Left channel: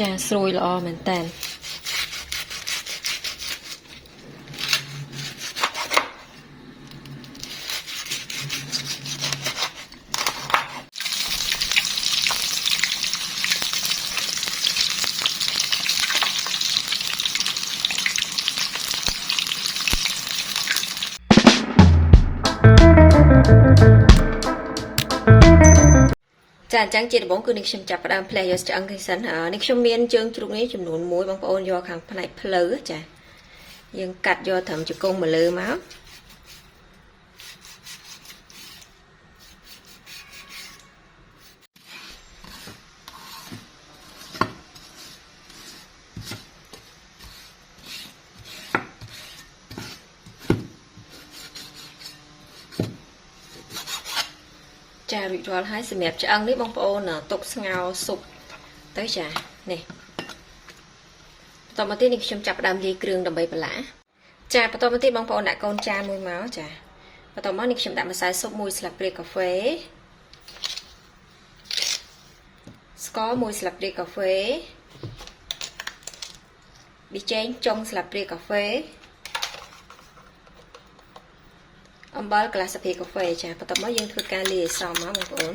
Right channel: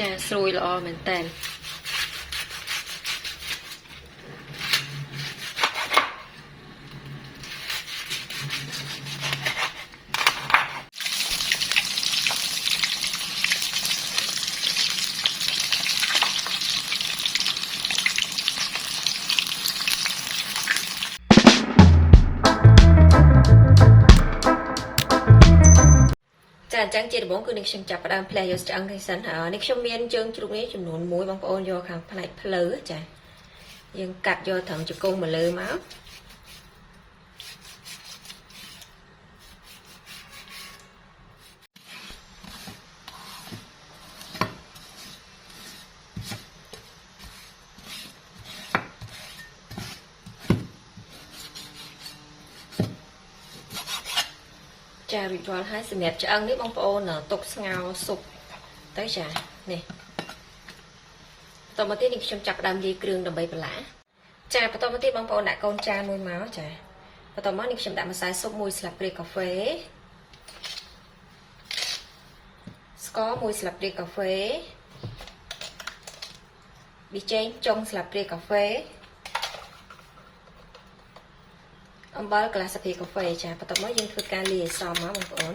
ចាស្រួយល្អមែនតើចាអញ្ចឹងជាដំបូងគឺនេះខ្ញុំចាប់ផ្ដើមផ្លែយកឆ្អឹងនេះសិននេះខ្ញុំមានជើងជ្រូកនេះចំនួន1បងប្អូនយកខាងផ្នែកភ្លៅចាយើងកាត់យកត្រឹមជង្គង់មកលើមកចារៀបរាល់ហើយសម្រាប់ឆ្អឹងនេះបងប្អូនទុកស្ងោរស៊ុបទៅចានេះបន្តមកទៀតនេះខ្ញុំចាប់ផ្ដើមលាយគ្រឿងដើម្បីបន្លាចាបន្តមកទៀតបងប្អូនដាក់កូនចានមួយមកចាបន្តមកនេះខ្ញុំដាក់ម្សៅស៊ុប1ស្លាបព្រាកាហ្វេស្ករ1ស្លាបព្រាកាហ្វេប៊ីចេងចុងស្លាបព្រាកាហ្វេអំបិលកន្លះស្លាបព្រាកាហ្វេចាបន្ទាប់មកយើងធ្វើការលាយឲ្យសមណាបងប្អូន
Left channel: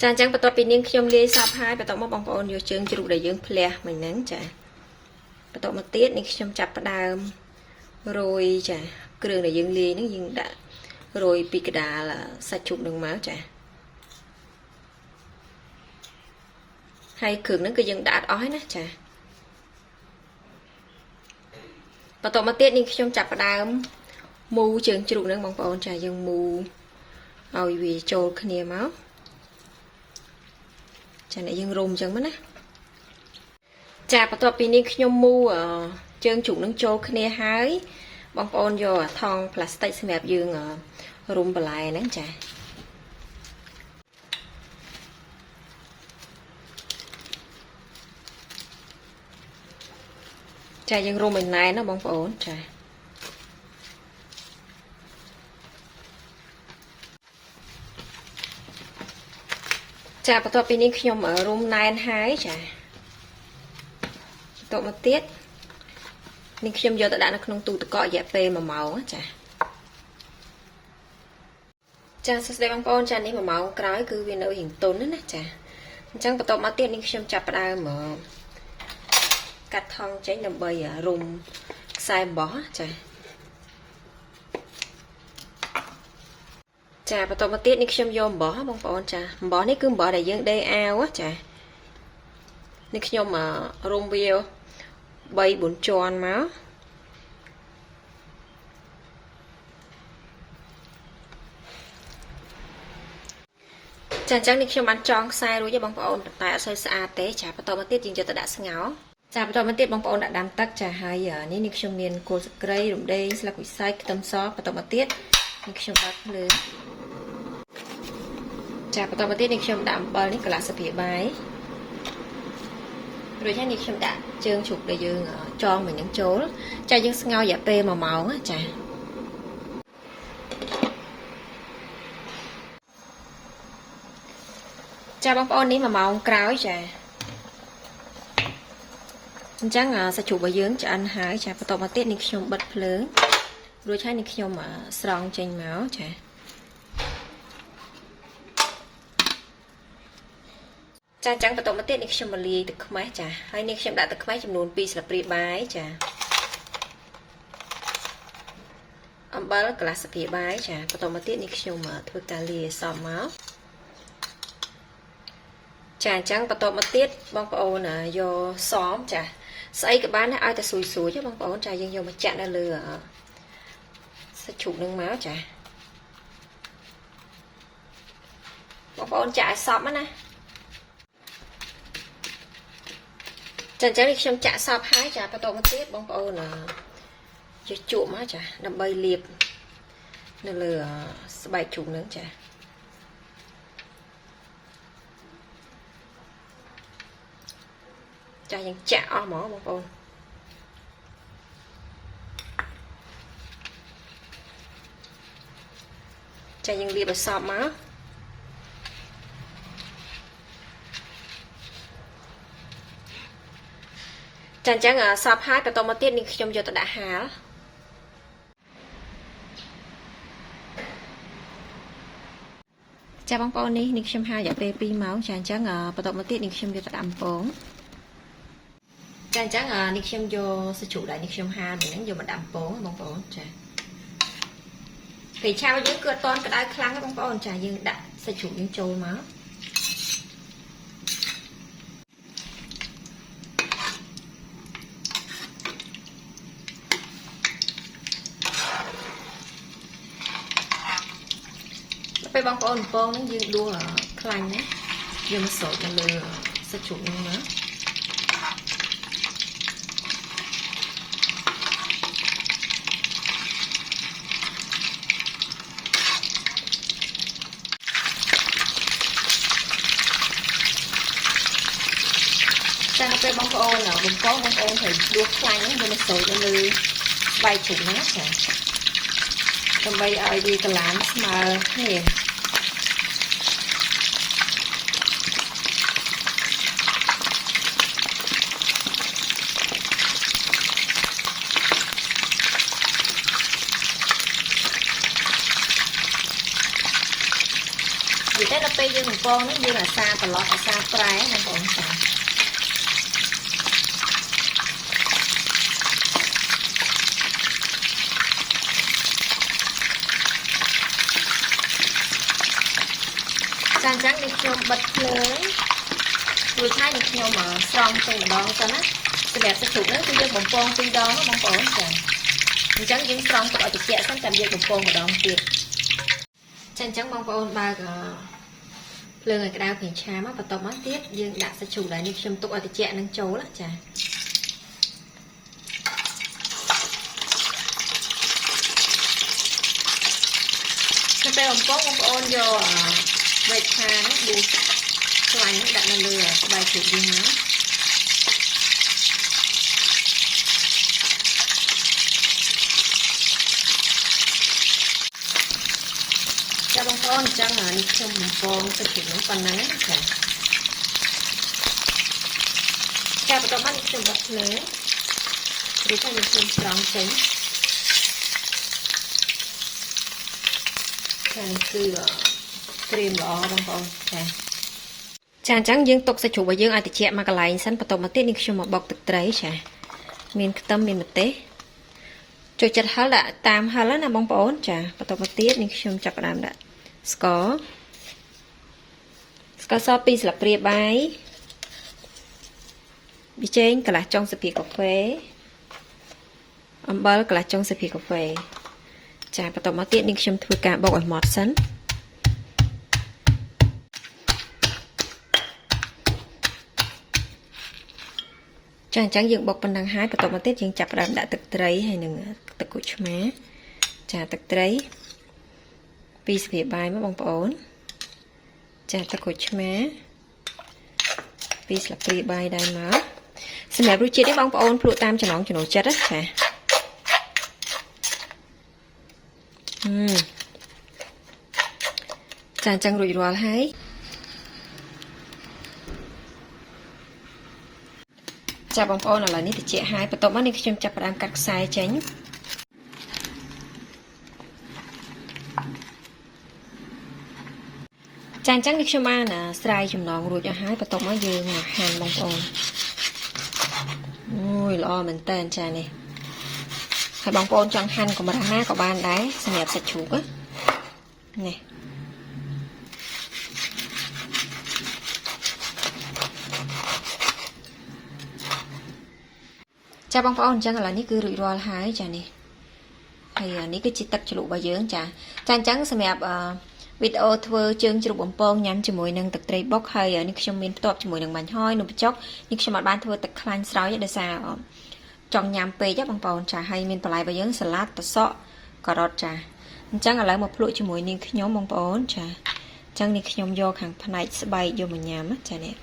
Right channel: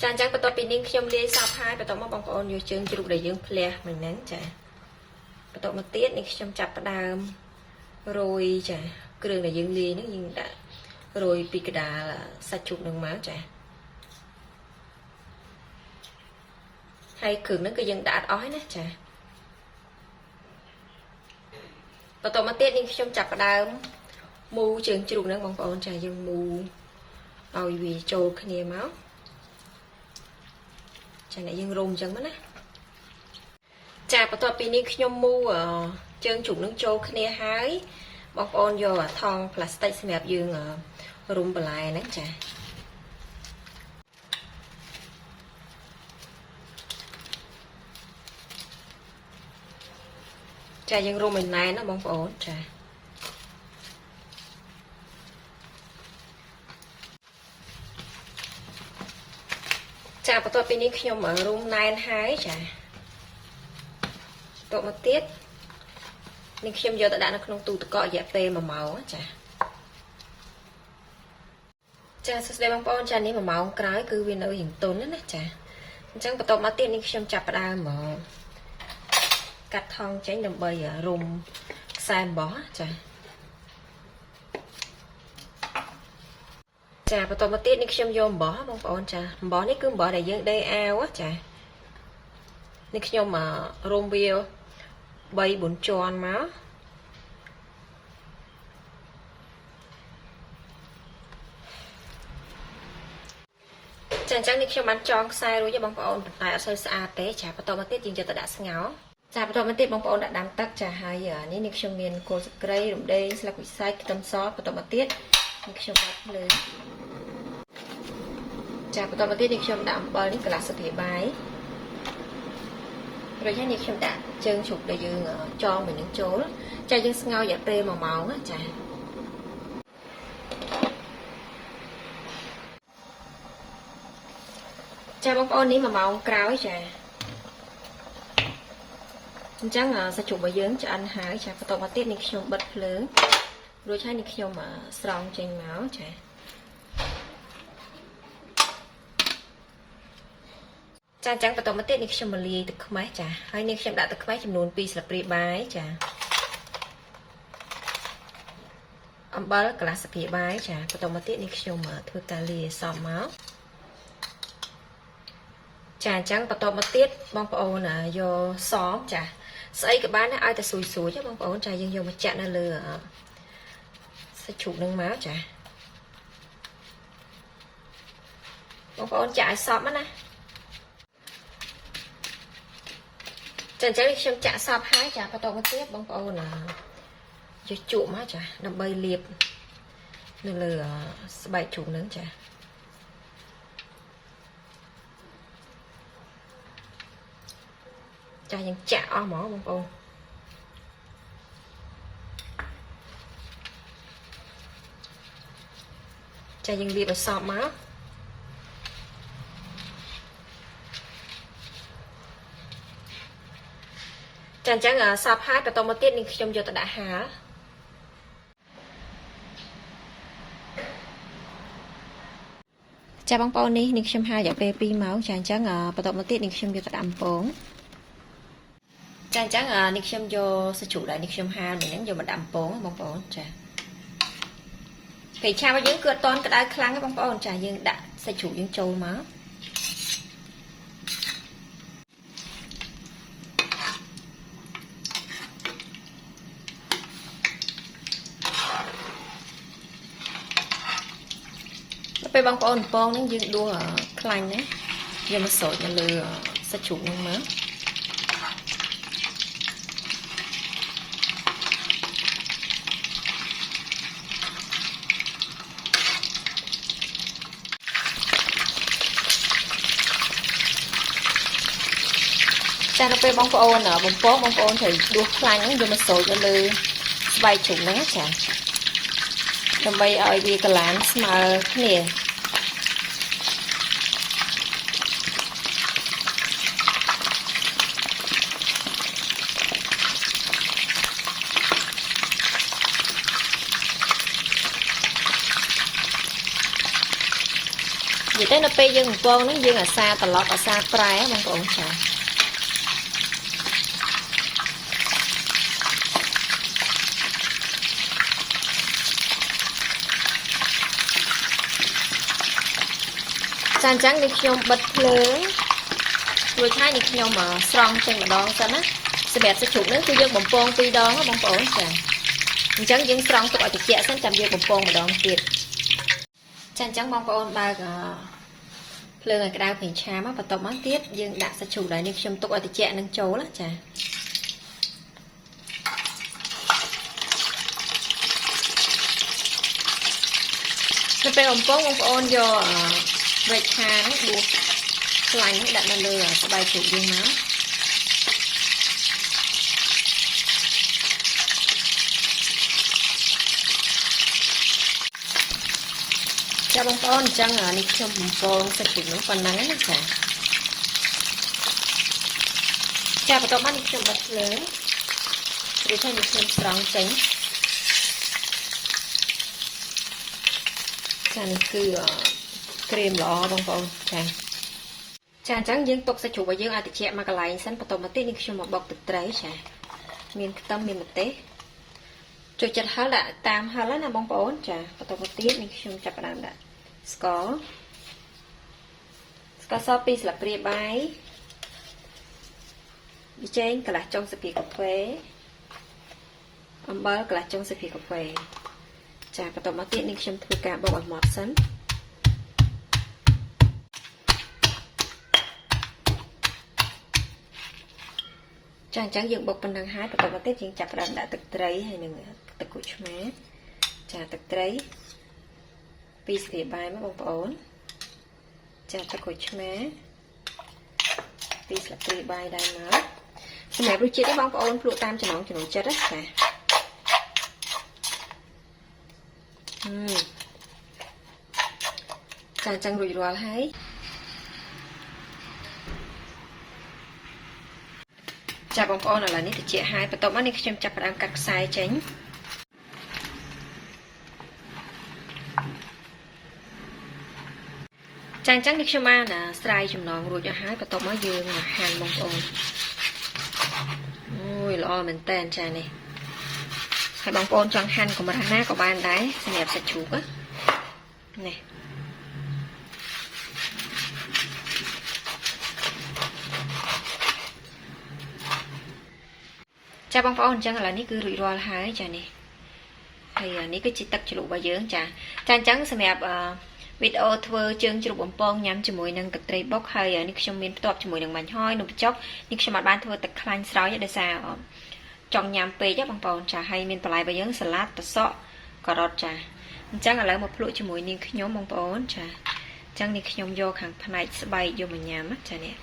ចាអញ្ចឹងបន្ទាប់ពីនាងខ្ញុំលាយសពហើយបន្ទាប់មកបងប្អូនយកជើងជ្រូកដែលយើងភ្លះមិញហ្នឹងចាបន្ទាប់មកទៀតនេះខ្ញុំចាប់ផ្ដើមរោយចាគ្រឿងដែលយើងលាយហ្នឹងយើងដាក់រោយពីកដាលសាច់ជ្រូកនឹងមកចាហើយគ្រឿងហ្នឹងគឺយើងដាក់អត់អស់ហើយណាចាបន្តមកទៀតនេះខ្ញុំចាប់ផ្ដើមមូជើងជ្រូកហ្នឹងបងប្អូនចាយើងមូឲ្យវាចូលគ្នាមកចានេះយើងរុំអញ្ចឹងណាចាបន្ទាប់ពីនេះខ្ញុំមូជើងជ្រូកហ្នឹងចូលគ្នាហើយបងប្អូនយកថង់ផ្លាស្ទិកសម្រាប់យើងរុំបន្លែហ្នឹងចាចាយើងរុំឲ្យណែនណាបងប្អូនចាចាបន្ទាប់ពីនេះខ្ញុំរុំណែនហើយចាបន្ទាប់មកទៀតនេះខ្ញុំយកទៅដាក់នៅក្នុងទូទឹកកករយៈពេល1ម៉ោងចាចាសួស្តីបងប្អូនចានេះ1ម៉ោងក្រោយគឺវានៅរៀងទន់ណាចាអញ្ចឹងបន្ទាប់មកទៀតនេះខ្ញុំចាប់ផ្ដើមកាត់ថង់ចេញដើម្បីរុំខ្សែអំបោះចាចាបន្តមកទៀតនេះខ្ញុំយកអំបោះបងប្អូនចាអំបោះនេះគឺអំបោះដែលយើងដេរអាវចានេះខ្ញុំរុំវា3-4ជាន់មកចាអញ្ចឹងនេះខ្ញុំបានចងខ្សែរួចទេបងប្អូនតែអត់សូវស្អាតទេចាបន្តមកទៀតយើងយកទៅដាក់ស្ងោរចាបន្តមកទៀតបងប្អូនដាក់ដាំទឹកចាហើយនេះខ្ញុំមានគល់ស្លឹកគ្រៃរំដេងស្លឹកវិស័យខ្ទឹមសបន្តមកទៀតនេះខ្ញុំដាក់ភ្លើងចាបន្តមកទៀតនេះខ្ញុំដាក់អំបិលនេះកន្លះស្លាបព្រាបាយរួចហើយនេះខ្ញុំដាក់ជើងជ្រូកដែលយើងចងមួយនឹងចូលចាយើងស្ងោររយៈពេល1ម៉ោងចាចាបងប្អូននេះ1ម៉ោងក្រោយចាអញ្ចឹងសាច់ជ្រូករបស់យើងឆ្អិនហើយចាបន្តមកទៀតនេះខ្ញុំបិទភ្លើងរួចហើយនេះខ្ញុំស្រង់ចេញមកចាចាអញ្ចឹងបន្តមកទៀតនេះខ្ញុំមកលាយទឹកខ្មេះចាហើយនេះខ្ញុំដាក់ទឹកខ្មេះចំនួន2ស្លាបព្រាបាយចាអំបិលកន្លះស្លាបព្រាបាយចាបន្តមកទៀតនេះខ្ញុំធ្វើការលាយឲ្យសមមកចាអញ្ចឹងបន្តមកទៀតបងប្អូនយកសមចាស្អីក៏បានដែរឲ្យតែស៊ូយទេបងប្អូនចាយើងយកមកចាក់នៅលើសាច់ជ្រូកនឹងមកចាបងប្អូនចាក់ឲ្យសព្វណាចាអញ្ចឹងខ្ញុំចាក់សព្វហើយចាបន្តមកទៀតបងប្អូនយកជក់មកចាដើម្បីលាបនៅលើស្បែកជ្រូកនឹងចាចាយើងចាក់អស់ហ្មងបងប្អូនចាយើងលាបឲ្យសព្វមក ចាអញ្ចឹងសពហើយបន្តមកទៀតនេះខ្ញុំយកទៅដាក់ហាលចាបងប្អូននេះខ្ញុំហាលរយៈពេល2ម៉ោងចាអញ្ចឹងបន្តមកទៀតនេះខ្ញុំយកទៅដាក់អំពងចាអញ្ចឹងនេះខ្ញុំយកសាច់ជ្រូកដែលនេះខ្ញុំហាលនេះហ្នឹងយកមកដាក់អំពងបងប្អូនចាពេលឆារបស់យើងគឺអត់តន់ក្តៅខ្លាំងទេបងប្អូនចាយើងដាក់សាច់ជ្រូកយើងចូលមកពេលបងប្អូនអំពងនេះយើងដួសខ្លាញ់ណាយើងមកស្រោចនៅលើសាច់ជ្រូកនេះមើលចាទៅពេលបងប្អូនបំពងបងប្អូនត្រូវដួសខ្លាញ់ហ្នឹងយើងមកស្រោចនៅលើស្បែកជ្រូកហ្នឹងចាដើម្បីឲ្យវាកន្លាងស្មើគ្នានិយាយទៅនៅពេលយើងបំពងហ្នឹងយើងអាសាត្រឡប់អាសាប្រែបងប្អូនចាអញ្ចឹងនេះខ្ញុំបិទភ្លើងរួចហើយនេះខ្ញុំស្រង់ចេញម្ដងទៅណាសម្រាប់សាច់ជ្រូកនេះគឺយើងបំពង2ដងបងប្អូនចាអញ្ចឹងយើងស្រង់ទុកឲ្យត្រជាក់សិនចាំយើងបំពងម្ដងទៀតចាអញ្ចឹងបងប្អូនបើកភ្លើងឲ្យក្តៅប្រេងឆាមកបន្ទាប់មកទៀតយើងដាក់សាច់ជ្រូកដែលនេះខ្ញុំទុកឲ្យត្រជាក់នឹងចូលចាទៅពេលបំពងបងប្អូនយកវែកខានេះដួសខ្លាញ់នេះដាក់នៅលើស្បែកជ្រូកយើងណាចាបងប្អូនអញ្ចឹងនេះខ្ញុំបំពងសាច់ជ្រូកនេះប៉ុណ្ណឹងណាចាបន្ទាប់មកនេះខ្ញុំបិទភ្លើងឬថាខ្ញុំស្រង់ចេញចានេះគឺក្រៀមល្អបងប្អូនចាអញ្ចឹងយើងទុកសាច់ជ្រូករបស់យើងឲ្យត្រជាក់មកកន្លែងសិនបន្ទាប់មកទៀតនេះខ្ញុំមកបុកទឹកត្រីចាមានខ្ទឹមមានម្ទេសចូលចិត្តហឹរដាក់តាមហឹរណាបងប្អូនចាបន្ទាប់មកទៀតនេះខ្ញុំចាប់ផ្ដើមដាក់ស្ករស2ស្លាបព្រាបាយប៊ីចេងកន្លះចុងស្លាបព្រាកាហ្វេអំបិលកន្លះចុងស្លាបព្រាកាហ្វេចាបន្ទាប់មកទៀតនេះខ្ញុំធ្វើការបុកឲ្យម៉ត់សិនចាអញ្ចឹងយើងបុកប៉ុណ្ណឹងហើយបន្ទាប់មកទៀតយើងចាប់ផ្ដើមដាក់ទឹកត្រីហើយនឹងទឹកគោះឆ្មាចាទឹកត្រី2ស្លាបព្រាបាយមកបងប្អូនចាទឹកគោះឆ្មា2ស្លាបព្រាបាយដែរមកសម្រាប់រសជាតិនេះបងប្អូនភ្លក់តាមចំណង់ចំណូលចិត្តណាចាចាអញ្ចឹងរួចរាល់ហើយចាបងប្អូនឥឡូវនេះត្រជាក់ហើយបន្ទាប់មកនេះខ្ញុំចាប់ផ្ដើមកាត់ខ្សែចេញចាអញ្ចឹងនេះខ្ញុំបានស្រាយចំណងរួចអស់ហើយបន្ទាប់មកយើងមកហាន់បងប្អូនអូយល្អមែនតើចានេះហើយបងប្អូនចង់ហាន់កម្រាស់ណាក៏បានដែរសម្រាប់សាច់ជ្រូកនេះចាបងប្អូនអញ្ចឹងឥឡូវនេះគឺរួចរាល់ហើយចានេះហើយនេះគឺជាទឹកជ្រលក់របស់យើងចាអញ្ចឹងសម្រាប់វីដេអូធ្វើជើងជ្រូកបំពងញ៉ាំជាមួយនឹងទឹកត្រីបុកហើយនេះខ្ញុំមានផ្ទាប់ជាមួយនឹងបាញ់ហយនំបញ្ចុកនេះខ្ញុំអត់បានធ្វើទឹកខ្លាញ់ស្រោចទេដោយសារចង់ញ៉ាំពេកបងប្អូនចាហើយមានបន្លែរបស់យើងសាឡាត់ត្រសក់ការ៉ុតចាអញ្ចឹងឥឡូវមកភ្លក់ជាមួយនាងខ្ញុំបងប្អូនចាអញ្ចឹងនេះខ្ញុំយកខាងផ្នែកស្បែកយកមកញ៉ាំចានេះ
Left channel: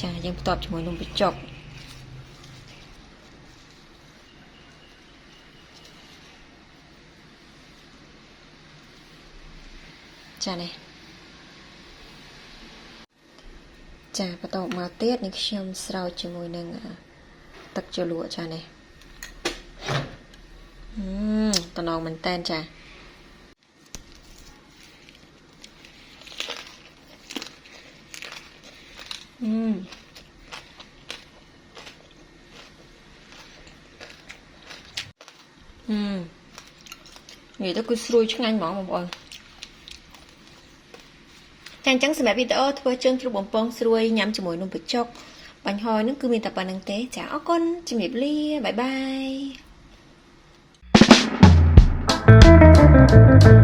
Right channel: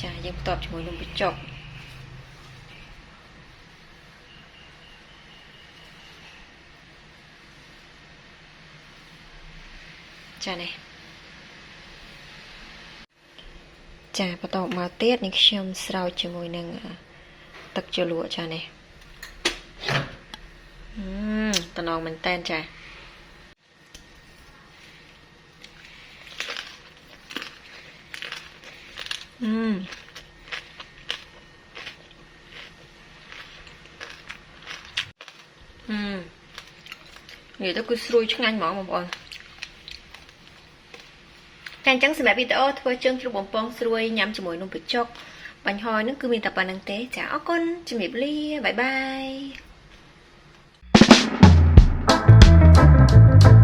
ចាយើងផ្ទាប់ជាមួយនំបញ្ចុកចានេះ ចាបន្តមកទៀតនេះខ្ញុំស្រោចជាមួយនឹងទឹកជ្រលក់ចានេះតំណងមែនតែនចានេះទៅគឺស្រួយឆ្ងាញ់ហ្មងបងប្អូនចាអញ្ចឹងសម្រាប់វីដេអូធ្វើជើងជ្រូកបំពងស្រួយញ៉ាំជាមួយនំបញ្ចុកបាញ់ហយនឹងគឺមានតែប៉ុណ្្នឹងទេចាអរគុណជំរាបលាបាយបាយ